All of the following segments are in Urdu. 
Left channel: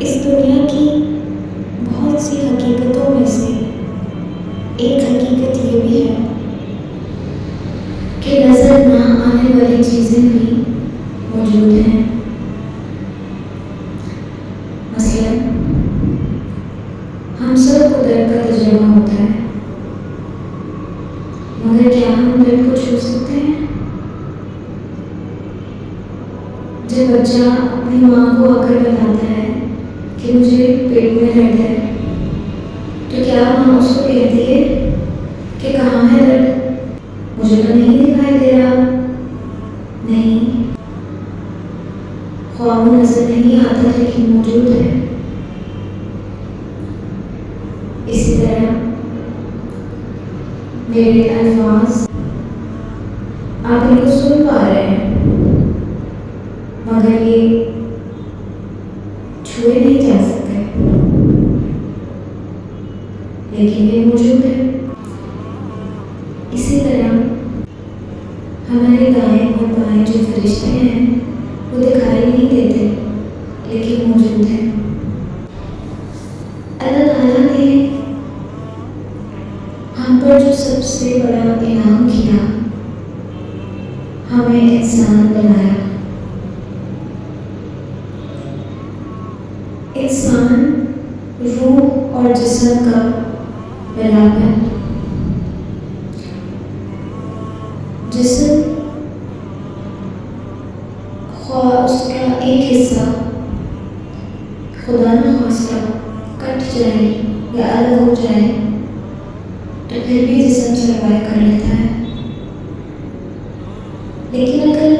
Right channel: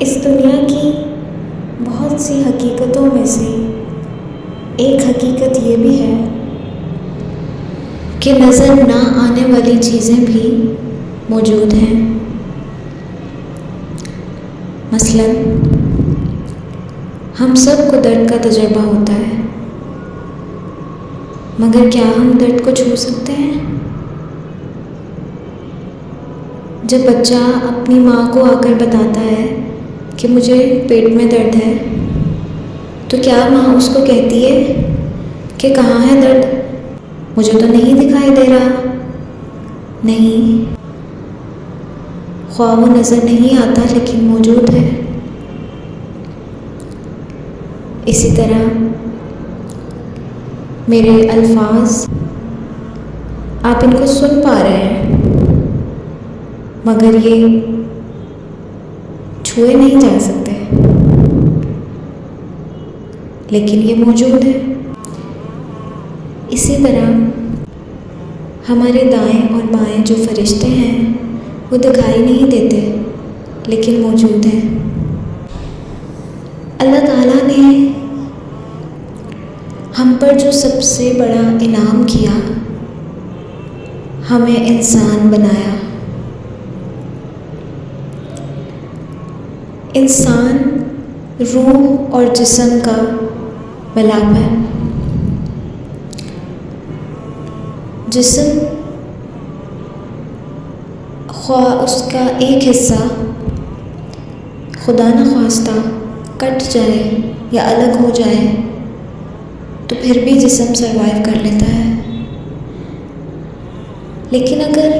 اس دنیا کی بہت سی حقیقتوں میں سے ایک حقیقت یہ بھی ہے کہ نظر نہ آنے والی چیزیں بھی موجود ہیں۔ مثلاً ہم سب کو درد کا تجربہ ہوتا ہے، مگر کیا ہم درد کو چھو سکتے ہیں؟ جب بچہ اپنی ماں کو آ کر بتاتا ہے کہ مجھے پیٹ میں درد ہے، تو کیا ماں اس کو کہتی ہے کہ کہاں ہے درد؟ مجھے تو نہیں دکھائی دے رہا۔ نہیں، خواہ وہ نظر نہیں آتا لیکن موجود ہے۔ اسی طرح میرے الفاظ آپ ان کو سن پا رہے ہیں، مگر یہ چھوئے نہیں جا سکتے، لیکن یہ موجود ہے۔ اسی طرح ہمارے دائیں اور بائیں جو فرشتے ہیں وہ دکھائی نہیں دیتے لیکن موجود ہیں۔ اللہ تعالیٰ نے ہم پر جو سب سے بڑا انعام کیا، ہمیں انسان بنایا۔ انسان روح اور جسم کا ملاپ ہے۔ جسم خواہ اس کا ایک حصہ خدا نخواستہ کٹ جائے یا الگ ہو جائے تو پھر بھی جسم سروائیو کر لیتا ہے، لیکن اگر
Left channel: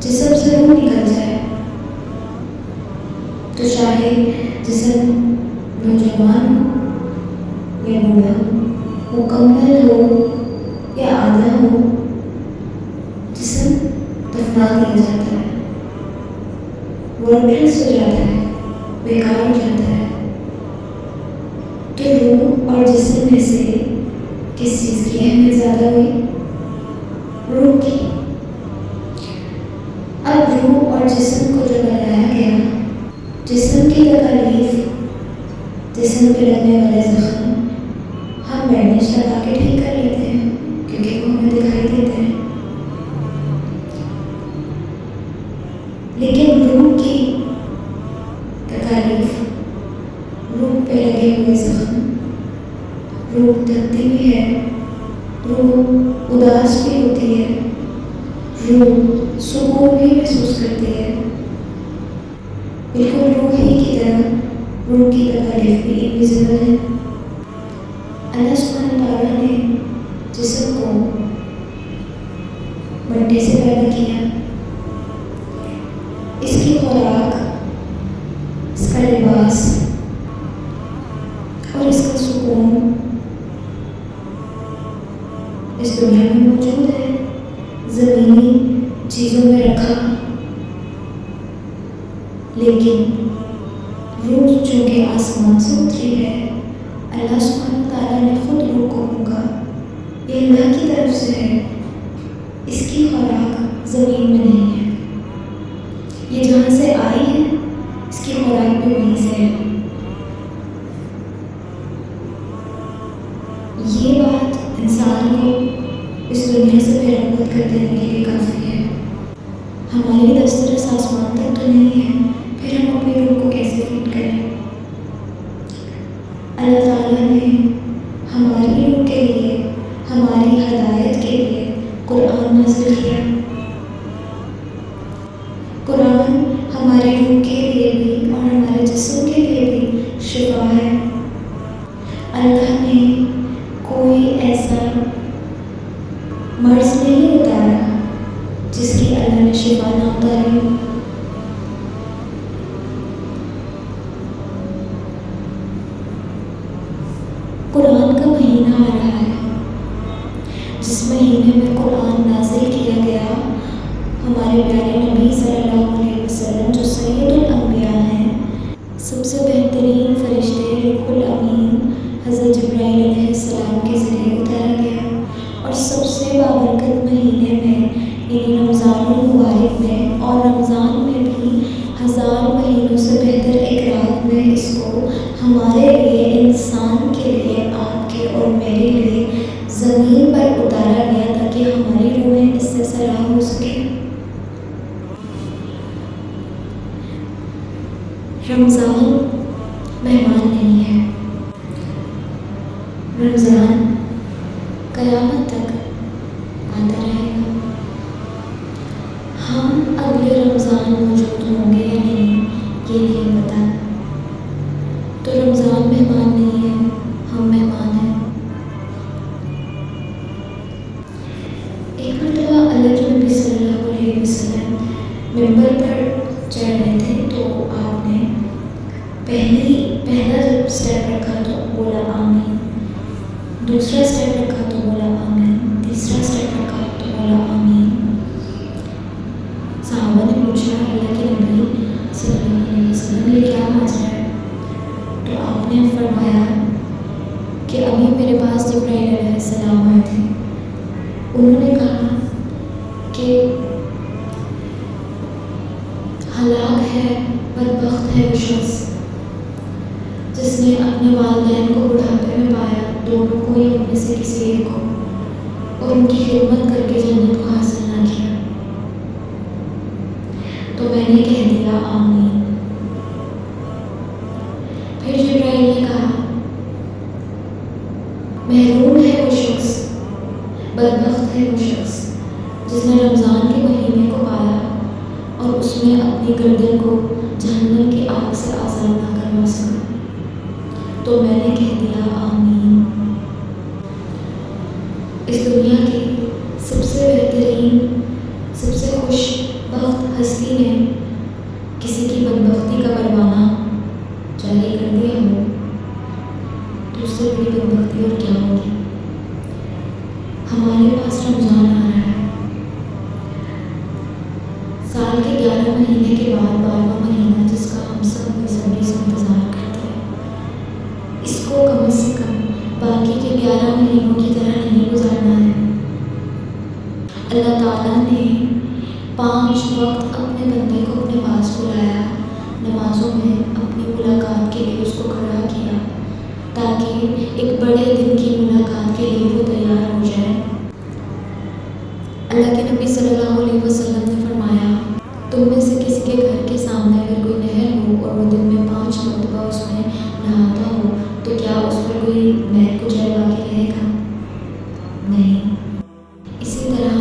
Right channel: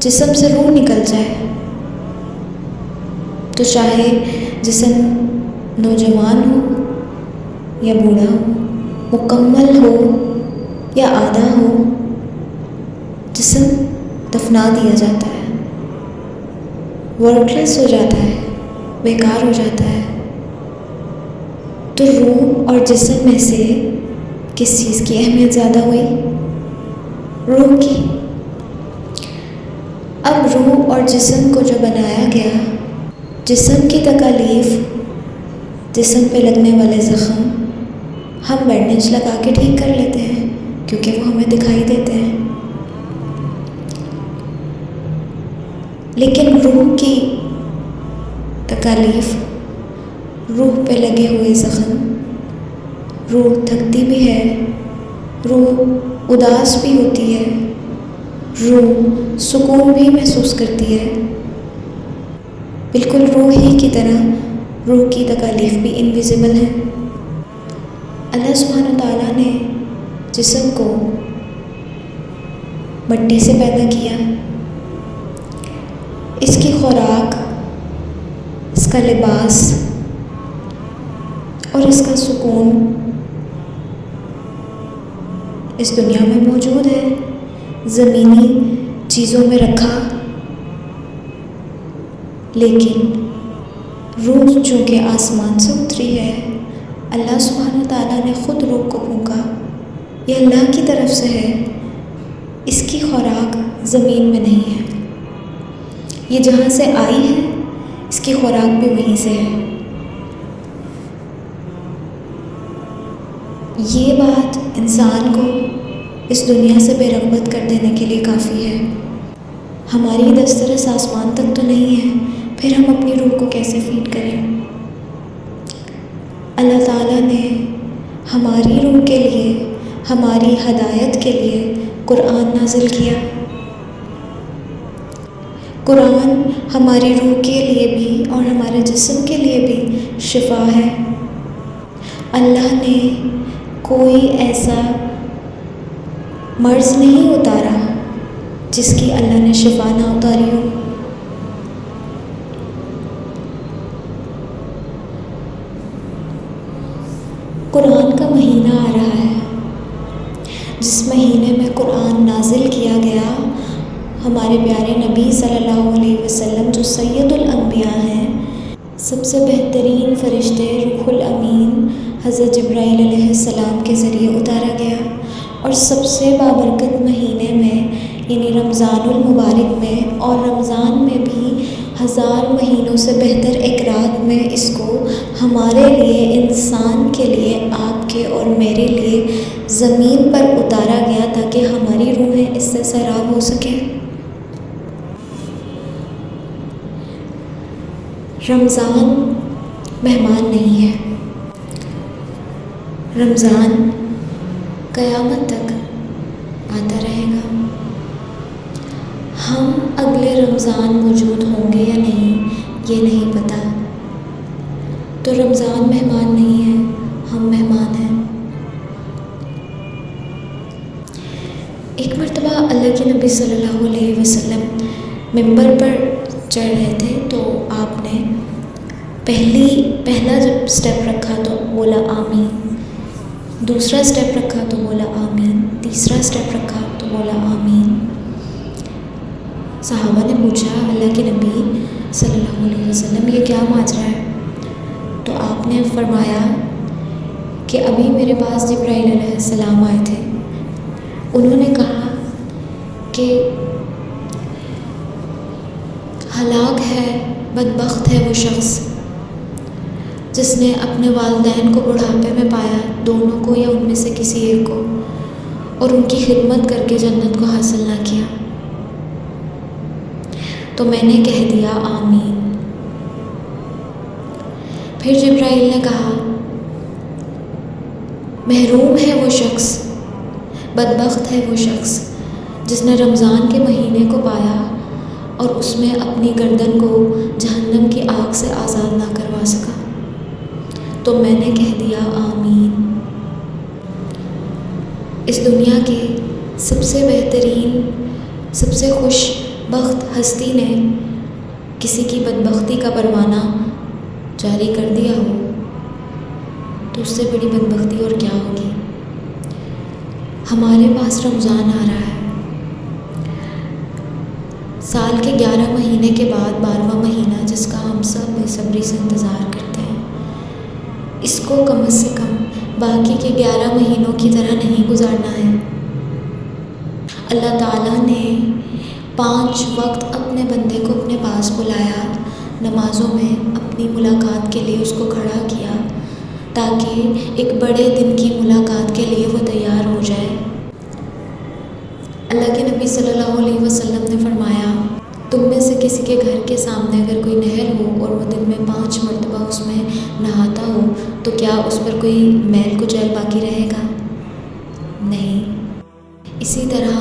جسم سے روح نکل جائے تو چاہے جسم نوجوان ہو یا بوڑھا ہو، مکمل ہو یا آدھا ہو، جسم دفنا دیا جاتا ہے، ورک لیس ہو جاتا ہے، بیکار ہو جاتا ہے۔ تو روح اور جسم میں سے کس چیز کی اہمیت زیادہ ہوئی؟ روح کی۔ اب روح اور جسم کو جو بنایا گیا، جسم کی تکالیف، جسم پہ لگنے والے زخم ہم بینڈیج لگا کے ٹھیک کر لیتے ہیں کیونکہ وہ ہمیں دکھائی دیتے ہیں، لیکن روح کی تکالیف، روح پہ لگے ہوئے زخم، روح تھکتی بھی ہے، روح اداس بھی ہوتی ہے، روح سکون بھی محسوس کرتی ہے۔ بالکل روح ہی کی طرح روح کی تکالیف بھی انویزیبل ہے۔ اللہ سبحانہ تعالیٰ نے جسم کو مٹی سے پیدا کیا، اس کی خوراک، اس کا لباس اور اس کا سکون اس دنیا میں موجود ہے، زمینی چیزوں میں رکھا، لیکن روح چونکہ آسمان سے اتری ہے، اللہ سبحانہ تعالیٰ نے خود روح کو پھونکا، یہ اللہ کی طرف سے ہے، اس کی خوراک زمین میں نہیں ہے، یہ جہاں سے آئی ہے اس کی خوراک بھی وہیں سے ہے۔ یہ بات انسان کو اس دنیا سے بے رغبت کر دینے کے لیے کافی ہے۔ ہماری دسترس آسمان تک تو نہیں ہے، پھر ہم اپنی روح کو کیسے فیڈ کریں؟ اللہ تعالیٰ نے ہماری روح کے لیے، ہماری ہدایت کے لیے قرآن نازل کیا۔ قرآن ہماری روح کے لیے بھی اور ہمارے جسم کے لیے بھی شفا ہے۔ اللہ نے کوئی ایسا مرض نہیں اتارا جس کی اللہ نے شفا نہ اتاری ہو۔ قرآن کا مہینہ آ رہا ہے، جس مہینے میں قرآن نازل کیا گیا، ہمارے پیارے نبی صلی اللہ علیہ وسلم جو سید الانبیاء ہیں، سب سے بہترین فرشتے روح الامین حضرت جبرائیل علیہ السلام کے ذریعے اتارا گیا، اور سب سے بابرکت مہینے میں یعنی رمضان المبارک میں، اور رمضان میں بھی 1000 مہینوں سے بہتر ایک رات میں اس کو ہمارے لیے، انسان کے لیے، آپ کے اور میرے لیے زمین پر اتارا گیا تاکہ ہماری روحیں اس سے سیراب ہو سکیں۔ رمضان مہمان نہیں ہے، رمضان قیامت تک آتا رہے گا۔ ہم اگلے رمضان موجود ہوں گے یا نہیں یہ نہیں پتہ، تو رمضان مہمان نہیں ہے، ہم مہمان ہیں۔ ایک مرتبہ اللہ کے نبی صلی اللہ علیہ وسلم ممبر پر چڑھ رہے تھے، تو آپ نے پہلا جب سٹیپ رکھا تو بولا آمین، دوسرا سٹیپ رکھا تو بولا آمین، تیسرا سٹیپ رکھا تو بولا آمین۔ صحابہ نے پوچھا اللہ کے نبی صلی اللہ علیہ وسلم یہ کیا ماجرا ہے؟ تو آپ نے فرمایا کہ ابھی میرے پاس جبرائیل علیہ السلام آئے تھے، انہوں نے کہا کہ ہلاک ہے، بدبخت ہے وہ شخص جس نے اپنے والدین کو بڑھاپے میں پایا، دونوں کو یا ان میں سے کسی ایک کو، اور ان کی خدمت کر کے جنت کو حاصل نہ کیا۔ تو میں نے کہہ دیا آمین۔ پھر جبرائیل نے کہا محروم ہے وہ شخص، بدبخت ہے وہ شخص جس نے رمضان کے مہینے کو پایا اور اس میں اپنی گردن کو جہنم کی آگ سے آزاد نہ کروا سکا۔ تو میں نے کہہ دیا آمین۔ اس دنیا کے سب سے بہترین، سب سے خوش بخت ہستی نے کسی کی بدبختی کا پروانہ جاری کر دیا ہو تو اس سے بڑی بدبختی اور کیا ہوگی۔ ہمارے پاس رمضان آ رہا ہے، سال کے 11 مہینے کے بعد 12واں مہینہ جس کا ہم سب بے صبری سے انتظار کرتے ہیں، اس کو کم از کم باقی کے 11 مہینوں کی طرح نہیں گزارنا ہے۔ اللہ تعالیٰ نے 5 وقت اپنے بندے کو اپنے پاس بلایا، نمازوں میں اپنی ملاقات کے لیے اس کو کھڑا کیا تاکہ ایک بڑے دن کی ملاقات کے لیے وہ تیار ہو جائے۔ اللہ کے نبی صلی اللہ علیہ وسلم نے فرمایا تم میں سے کسی کے گھر کے سامنے اگر کوئی نہر ہو اور وہ دن میں 5 مرتبہ اس میں نہاتا ہو تو کیا اس پر کوئی میل کچیل باقی رہے گا؟ نہیں۔ اسی طرح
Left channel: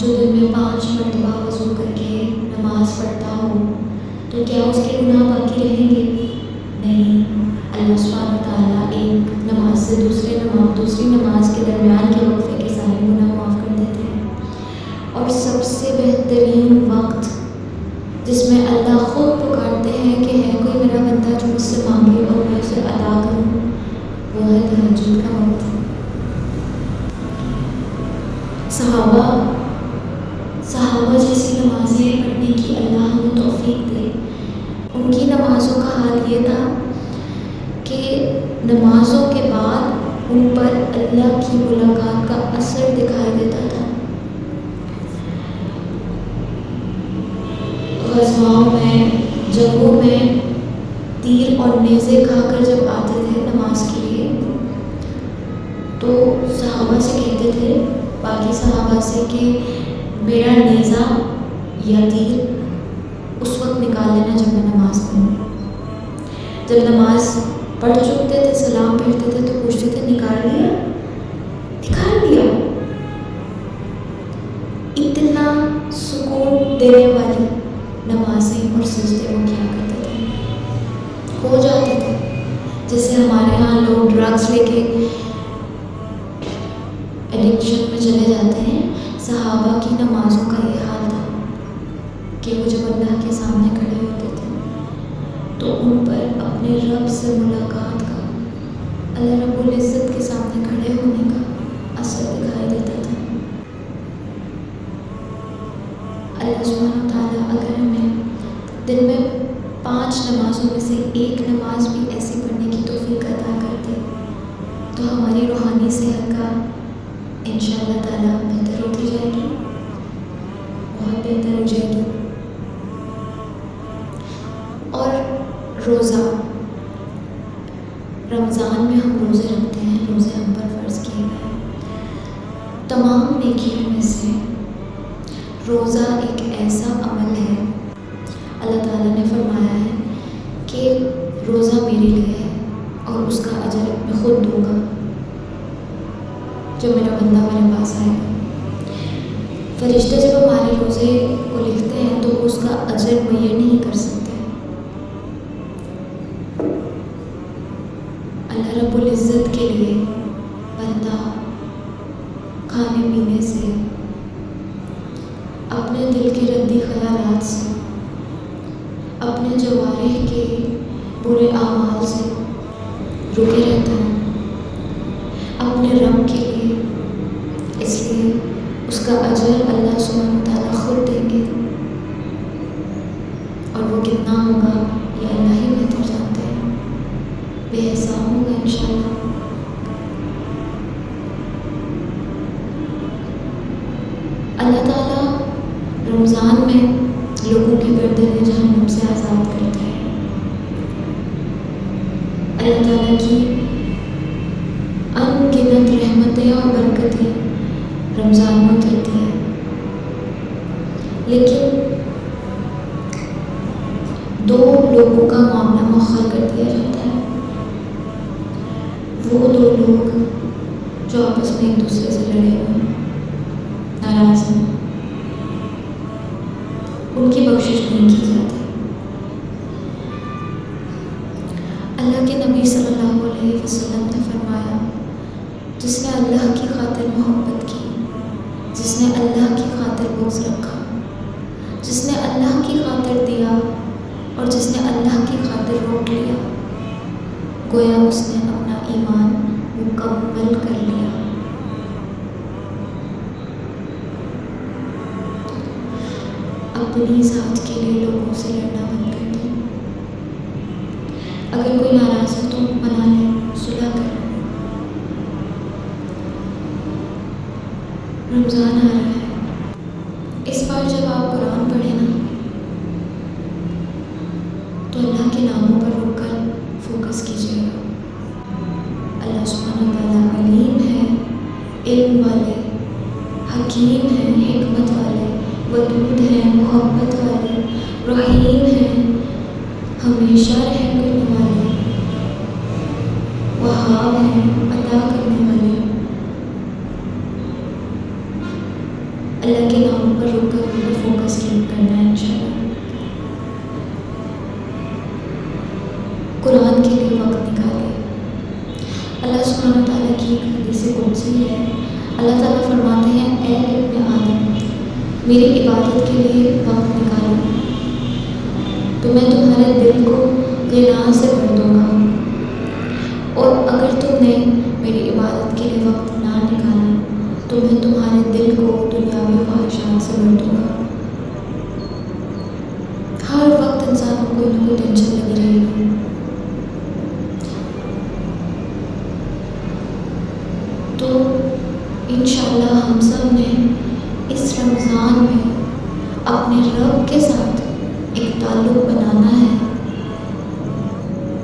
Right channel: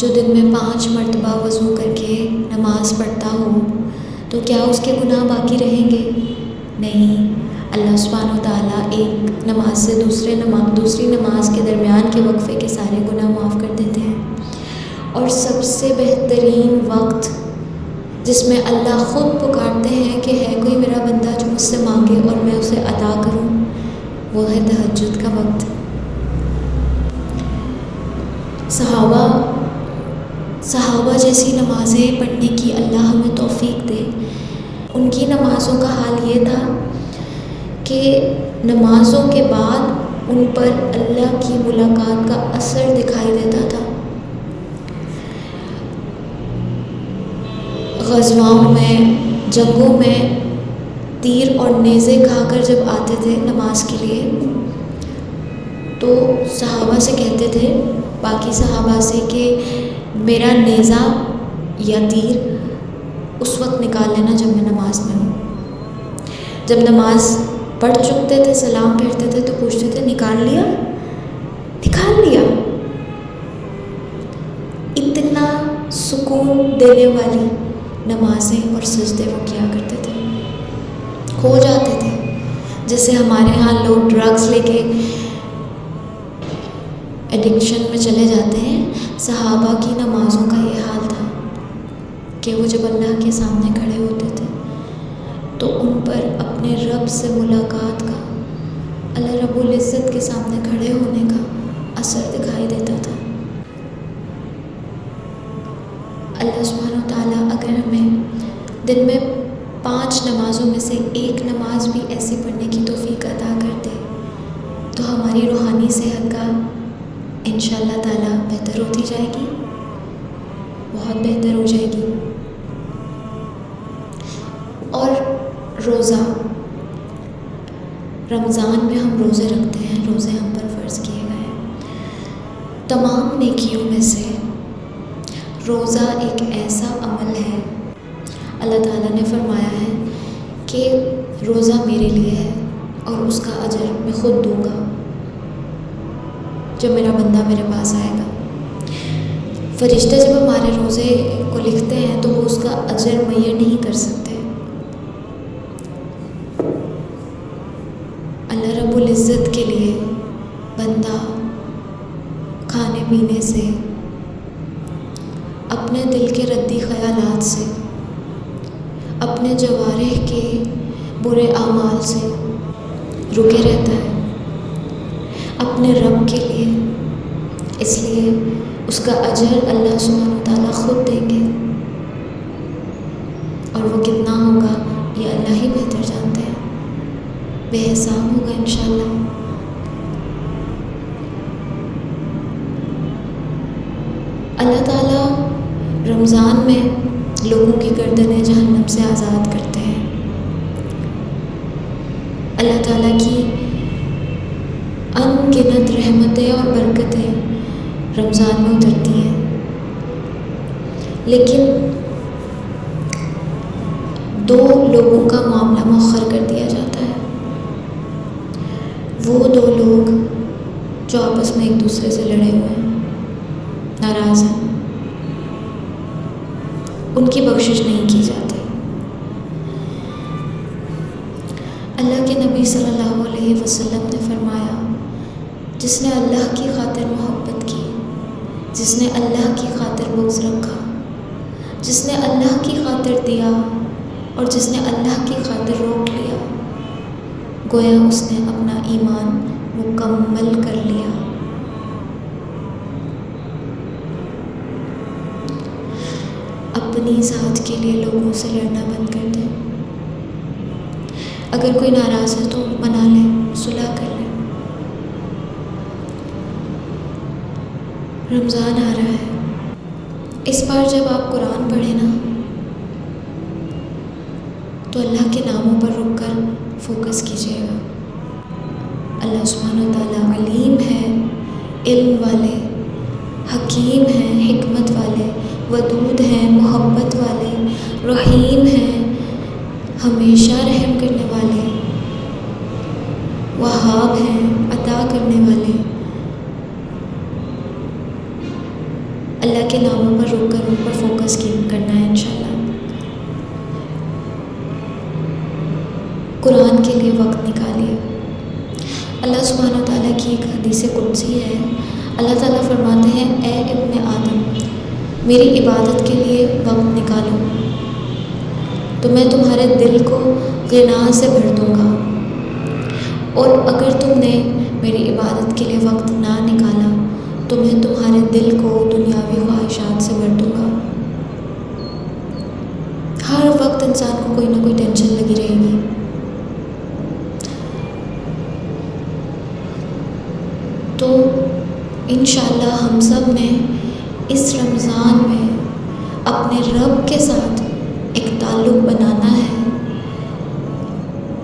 جو دن میں 5 مرتبہ وضو کر کے نماز پڑھتا ہو تو کیا اس کے گناہ باقی رہیں گے؟ نہیں۔ اللہ سبحانہ و تعالیٰ ایک نماز سے دوسری نماز کے درمیان کے وقفے کے سارے گناہ معاف کر دیتے ہیں۔ اور سب سے بہترین وقت جس میں اللہ خود پکارتے ہیں کہ ہے کوئی میرا بندہ جو مجھ سے مانگے اور میں اسے عطا کروں، وہ ہے تہجد کا وقت۔ صحابہ جیسی نمازیں پڑھنے کی اللہ ہمیں توفیق دے۔ ان کی نمازوں کا حال یہ تھا کہ نمازوں کے بعد ان پر اللہ کی ملاقات کا اثر دکھائی دیتا تھا۔ غزواؤں میں، جنگوں میں تیر اور نیزے کھا کر جب آتے تھے نماز کے لیے تو صحابہ سے کہتے تھے، باقی صحابہ سے، کہ میرا نیزہ یا تیر اس وقت نکال لینا جب میں نماز میں ہوں۔ جب نماز پڑھ چکتے تھے، سلام پھیرتے تھے تو پوچھتے تھے نکال لیا؟ نکال لیا۔ اتنا سکون دینے والی نمازیں اور سجدے وہ کیا کرتے تھے، کھو جاتے تھے۔ جیسے ہمارے ہاں لوگ ڈرگز لے کے ایڈکشن میں چلے جاتے ہیں، صحابہ کی نمازوں کا یہ حال تھا کہ وہ جب اللہ کے سامنے کھڑے ہوتے تھے تو ان پر اپنے رب سے ملاقات کا، اللہ رب العزت کے سامنے کھڑے ہونے کا اثر دکھائی دیتا تھا۔ اللہ سبحانہ تعالیٰ اگر ہمیں دن میں 5 نمازوں میں سے ایک نماز بھی ایسی پڑھنے کی توفیق عطا کر دے تو ہماری روحانی صحت کا انشاءاللہ تعالیٰ بہتر ہوتی جائے گی۔ بہت بہتر ہو جائے گی۔ اور روزہ، رمضان میں ہم روزے رکھتے ہیں، روزے ہم پر فرض کیے گئے ہیں۔ تمام نیکیوں میں سے روزہ ایک ایسا عمل ہے، اللہ تعالیٰ نے فرمایا ہے کہ روزہ میرے لیے ہے اور اس کا اجر میں خود دوں گا جب میرا بندہ میرے پاس آئے گا۔ فرشتے جب ہمارے روزے کو لکھتے ہیں تو وہ اس کا اجر معین نہیں کر سکتے۔ اللہ رب العزت کے لیے بندہ کھانے پینے سے، اپنے دل کے ردی خیالات سے، اپنے جوارح کے برے اعمال سے رکے رہتا ہے اپنے رب کے لیے، اس لیے اس کا اجر اللہ سبحانہ وتعالیٰ خود دیں گے، اور وہ کتنا ہوگا یہ اللہ ہی بہتر جانتے ہیں، بے حساب ہوگا انشاءاللہ۔ اللہ تعالیٰ رمضان میں لوگوں کی گردنیں جہنم سے آزاد کرتے ہیں۔ اللہ تعالیٰ کی ان گنت رحمتیں اور برکتیں رمضان میں اترتی ہیں، لیکن دو لوگوں کا معاملہ مؤخر کر دیا جاتا ہے۔ وہ دو لوگ جو آپس میں ایک دوسرے سے لڑے ہوئے ہیں، ناراض ہیں، ان کی بخشش نہیں کی جاتی۔ اللہ کے نبی صلی اللہ علیہ وسلم نے فرمایا، جس نے اللہ کی خاطر محبت کی، جس نے اللہ کی خاطر بغض رکھا، جس نے اللہ کی خاطر دیا اور جس نے اللہ کی خاطر روک لیا، گویا اس نے اپنا ایمان مکمل کر لیا۔ اپنی ذات کے لیے لوگوں سے لڑنا بند کر دیں۔ اگر کوئی ناراض ہے تو منا لیں، صلح کر لیں۔ رمضان آ رہا ہے، اس بار جب آپ قرآن پڑھیں نا تو اللہ کے ناموں پر رک کر فوکس کیجیے گا۔ اللہ سبحانہ وتعالیٰ علیم ہے، علم والے، حکیم ہیں، حکمت والے، ودود ہیں، محبت والے، رحیم ہیں، ہمیشہ رحم کرنے والے، وہاب ہیں، عطا کرنے والے۔ اللہ کے ناموں پر رک کر ان پر فوکس کرنا ہے انشاءاللہ۔ قرآن کے لیے وقت نکالیے۔ اللہ سبحانہ وتعالیٰ کی ایک حدیث قدسی ہے، اللہ تعالیٰ فرماتے ہیں، اے ابن آدم، میری عبادت کے لیے وقت نکالو تو میں تمہارے دل کو غنا سے بھر دوں گا، اور اگر تم نے میری عبادت کے لیے وقت نہ نکالا تو میں تمہارے دل کو دنیاوی خواہشات سے بھر دوں گا۔ ہر وقت انسان کو کوئی نہ کوئی ٹینشن لگی رہے گی، تو انشاءاللہ ہم سب نے اس رمضان میں اپنے رب کے ساتھ ایک تعلق بنانا ہے۔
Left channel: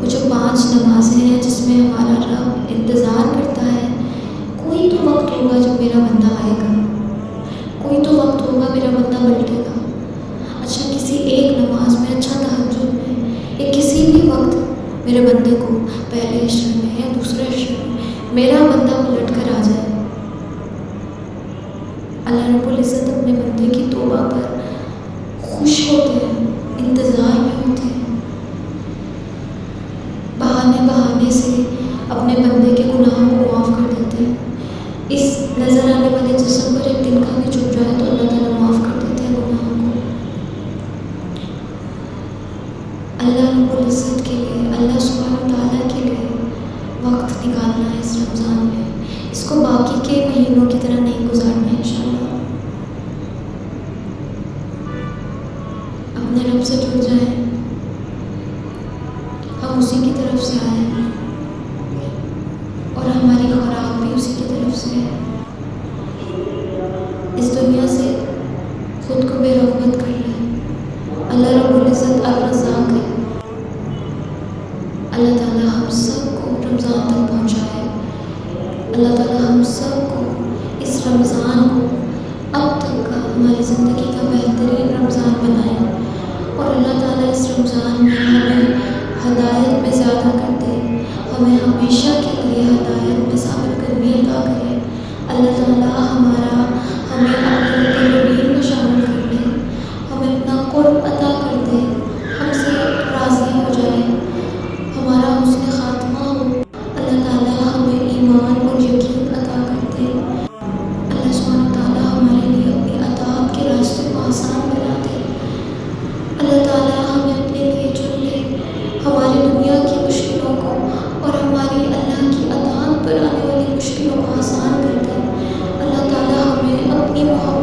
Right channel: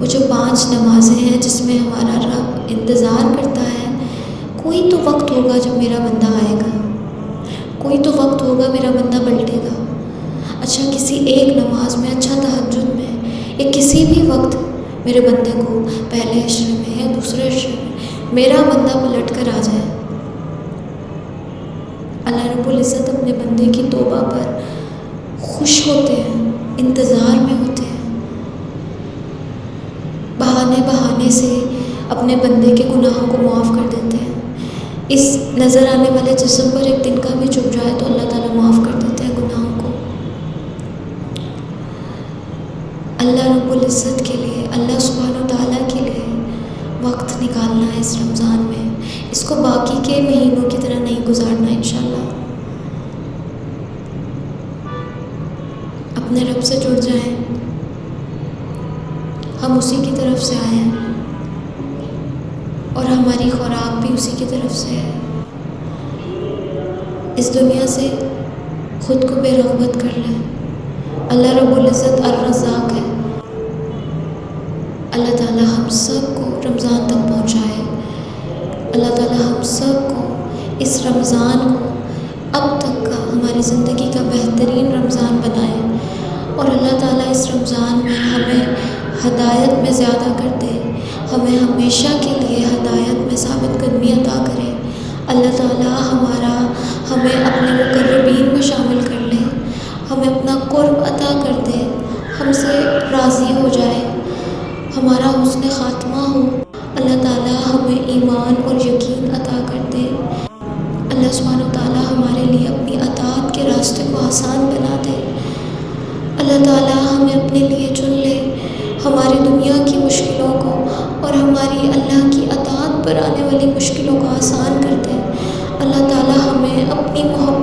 وہ جو 5 نمازیں ہیں جس میں ہمارا رب انتظار کرتا ہے، کوئی تو وقت ہوگا جب میرا بندہ آئے گا، کوئی تو وقت ہوگا میرا بندہ پلٹے گا۔ اچھا کسی ایک نماز میں، اچھا تہجد میں، یا کسی بھی وقت میرے بندے کو پہلے عشرے میں یا دوسرے عشرے میں میرا بندہ پلٹ کر آ جائے۔ اللہ رب العزت اپنے بندے کی توبہ پر خوش ہوتے ہیں، انتظار میں ہوتے ہیں، بہانے سے اپنے بندے کے گناہوں کو معاف کر دیتے ہیں۔ اس نظر آنے والے جسم پر ایک دن کا بھی چپ جائے تو اللہ تعالیٰ معاف کر دیتے ہیں گناہوں کو۔ اللہ رب العزت کے لیے، اللہ سبحانہ وتعالیٰ کے لیے وقت نکالنا ہے اس رمضان میں، اس کو باقی کے مہینوں کی طرح نہیں گزارنا ہے انشاءاللہ۔ اپنے رب سے جڑ جائیں، ہم اسی کی طرف سے آئے ہیں اور ہماری خوراک بھی اسی کی طرف سے ہے۔ اس دنیا سے خود کو بے رغبت کر لیں۔ اللہ رب العزت الرزاق ہے۔ اللہ تعالیٰ ہم سب کو رمضان تک پہنچائے۔ اللہ تعالیٰ ہم سب کو اس رمضان کو اب تک کا ہماری زندگی کا بہترین رمضان بنائے، اور اللہ تعالیٰ اس رمضان میں ہمیں ہدایت میں زیادہ کر دے، ہمیں ہمیشہ کے لیے ہدایت میں ثابت قدمی عطا کرے۔ اللہ تعالیٰ ہمیں اپنے مقربین میں شامل کر لے، ہمیں اپنا قرب عطا کر دے، ہم سے راضی ہو جائے، ہمارا حسن خاتمہ ہو۔ اللہ تعالیٰ ہمیں ایمان اور یقین عطا کر دے۔ اللہ سبحانہ و تعالیٰ ہمارے لیے اپنی اطاعت کے راستے کو آسان بنا دے۔ اللہ تعالیٰ ہمیں اپنے لیے چن لے، ہماری دنیا کی مشکلوں کو اور ہماری اللہ کی اطاعت پر آنے والی مشکلوں کو آسان کر دے۔ اللہ تعالیٰ ہمیں اپنی محبت